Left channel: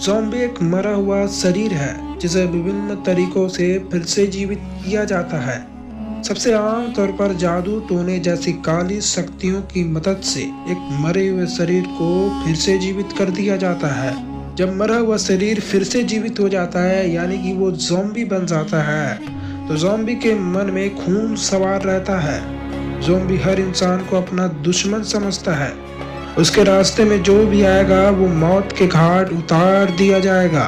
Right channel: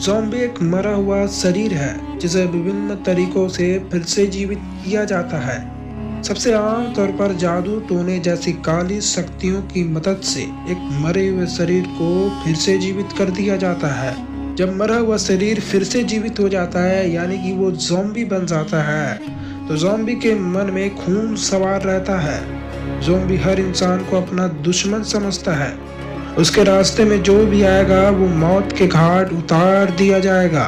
Zombie एक मरा हुआ शरीर है जिसे विभिन्न तरीकों से फिर से जीवित किया जाता है। सबसे आम तौर पर जादू टोने जैसी काली शक्तियों की मदद से एक मरे हुए शरीर को फिर से जीवित कर दिया जाता है। जब मरा हुआ शरीर फिर से जीवित हो जाता है यानी कि वो ज़ॉम्बी बन जाता है, तो ज़ॉम्बी के मन में खून सवार रहता है। ज़ॉम्बी हर इंसान को अपना दुश्मन समझता है। उसके रास्ते में जो भी आएगा वो मौत के घाट उतार दिया जाएगा।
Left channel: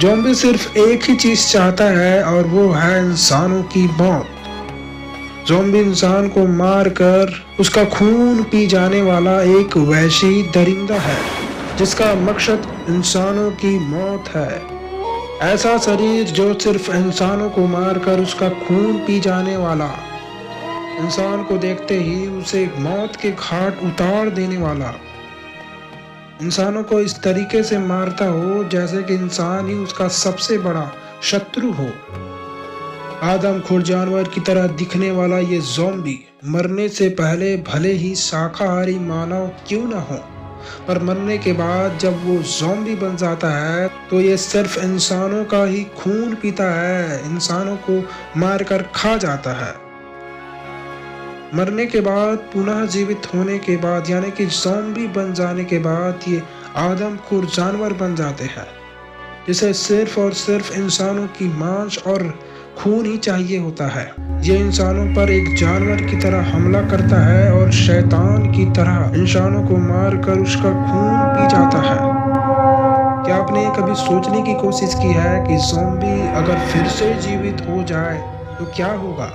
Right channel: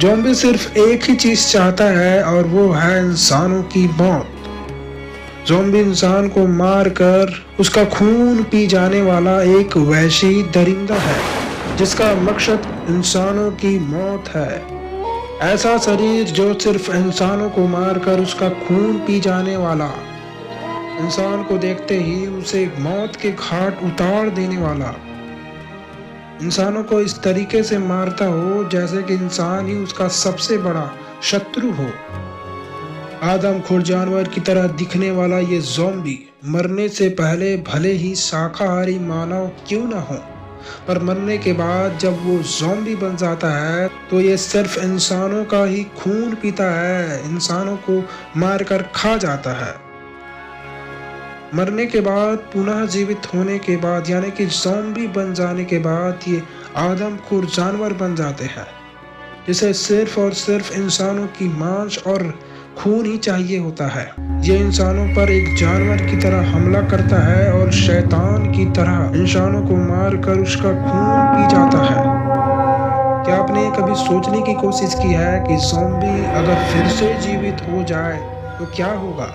ज़ॉम्बी सिर्फ एक ही चीज चाहता है और वो है इंसानों की मौत। ज़ॉम्बी इंसान को मार कर उसका खून पी जाने वाला एक वहशी दरिंदा है जिसका मकसद इंसानों की मौत है। ऐसा शरीर जो सिर्फ इंसानों को मारकर उसका खून पी जाने वाला, इंसान को देखते ही उसे मौत के घाट उतार देने वाला, इंसानों को इस तरीके से मारता हो जैसे कि इंसान ही उसका सबसे बड़ा शत्रु हो। आदमखोर जानवर की तरह दिखने वाला ये ज़ॉम्बी मरने से पहले भले ही शाकाहारी मानव क्यों न हो, पर मरने के बाद जब वो ज़ॉम्बी बन जाता है तो ये सिर्फ इंसानों का ही खून पीता है, इंसानों को मारकर खा जाता है। मरने के बाद पुनः जीवित होने के बाद यानी कि ज़ॉम्बी बन जाने के बाद ये आदमखोर जानवर बन जाते हैं जिसे सिर्फ और सिर्फ इंसानों की मांस और खून ही चाहिए होता है। ये इंसानों पर एक जानवर की तरह हमला करता है और शैतान की तरह इंसानों को मारकर उसका खून पी जाता है। क्या आपने कभी सोचने की कोशिश की है कि ज़ॉम्बी अगर फिर से जीवित हो जाए तो क्या होगा?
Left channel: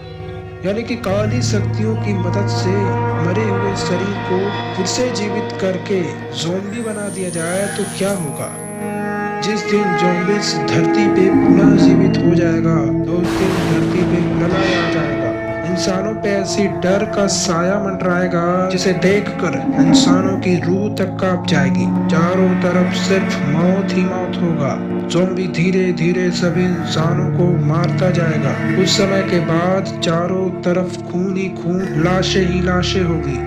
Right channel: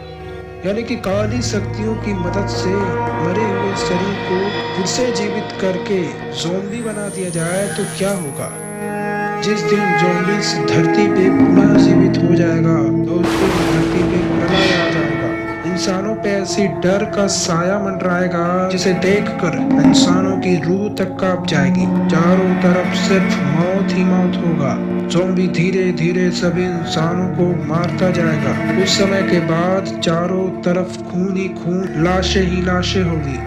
यानी कि काली शक्तियों की मदद से मरे हुए शरीर को फिर से जीवित करके ज़ॉम्बी बना दिया जाए तो क्या होगा? जिस दिन ज़ॉम्बी इस धरती पे पुनः जीवित हो जाएगा तो उस दिन धरती पे प्रलय आ जाएगा। इंसानों पे ऐसी डर का साया मंडराएगा जिसे देखकर इंसानों की रूह तक कांप जाएगी। चारों तरफ सिर्फ मौत ही मौत होगा। ज़ॉम्बी धीरे धीरे सभी इंसानों को मारता जाएगा। कुछ समय के बाद चारों तरफ खून ही खून, लाशें ही लाशें होगी।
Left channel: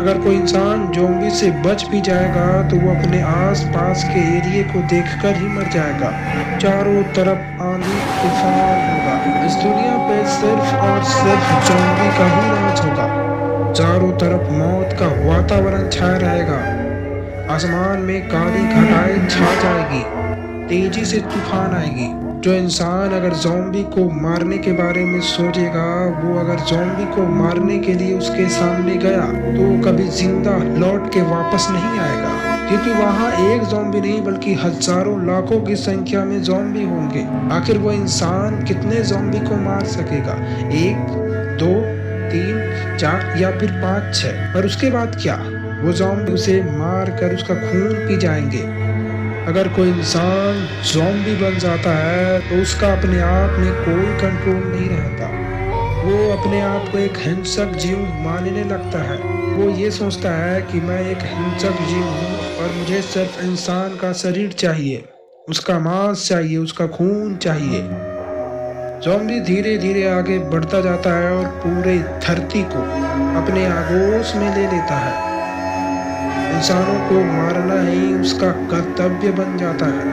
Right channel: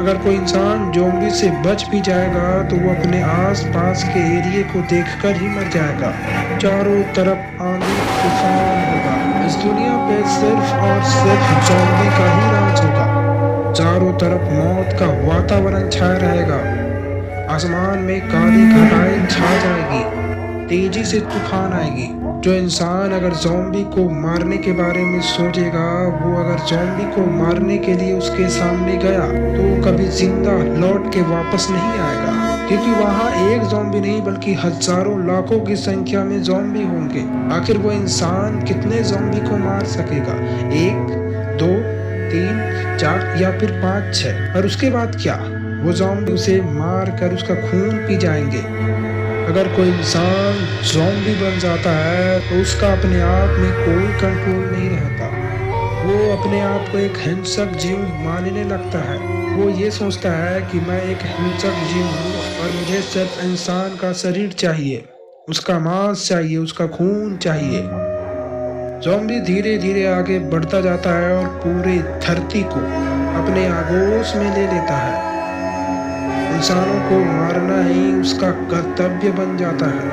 अगर कोई इंसान ज़ॉम्बी से बच भी जाएगा तो वो अपने आस पास के एरिया को देखकर ही मर जाएगा। चारों तरफ आंधी तूफान होगा। इस दुनिया पे सिर्फ और सिर्फ ज़ॉम्बी का ही राज होगा। चारों तरफ मौत का वातावरण छाया रहेगा। आसमान में काली घटाएं छा जाएगी। तेजी से तूफान आएगी। जो इंसान अगर ज़ॉम्बी को मारने के बारे में सोचेगा, वो अगर ज़ॉम्बी को मारने के लिए उसके सामने गया तो वो कभी जिंदा लौट के वापस नहीं आएगा, क्योंकि वहाँ एक ज़ॉम्बी नहीं बल्कि हजारों लाखों की संख्या में ज़ॉम्बी होंगे। आखिर वो इंसान कितने ज़ॉम्बी को मार सकेगा? 1, 2, 3, 4 या फिर 5, 6? पर उसके बाद क्या? वो ज़ॉम्बी उसे मार कर उसका खून पी जाएंगे। अगर कोई इंसान ज़ॉम्बी बन जाता है तो उसका अपने आप में कोई कंट्रोल नहीं रहता। वो अपने आप को एक हिंसक जीव मानने लगता है। वो ये सोचता है कि मैं एक हिंसक जीव हूँ और मुझे सिर्फ इंसान का शरीर चाहिए, उसका मांस चाहिए, उसका खून चाहिए। ज़ॉम्बी धीरे धीरे आगे बढ़ता जाता है और पूरे धरती को अपने आगोश में ले लेता है। इंसानों को मारना ही उसका कर्तव्य बन जाता है।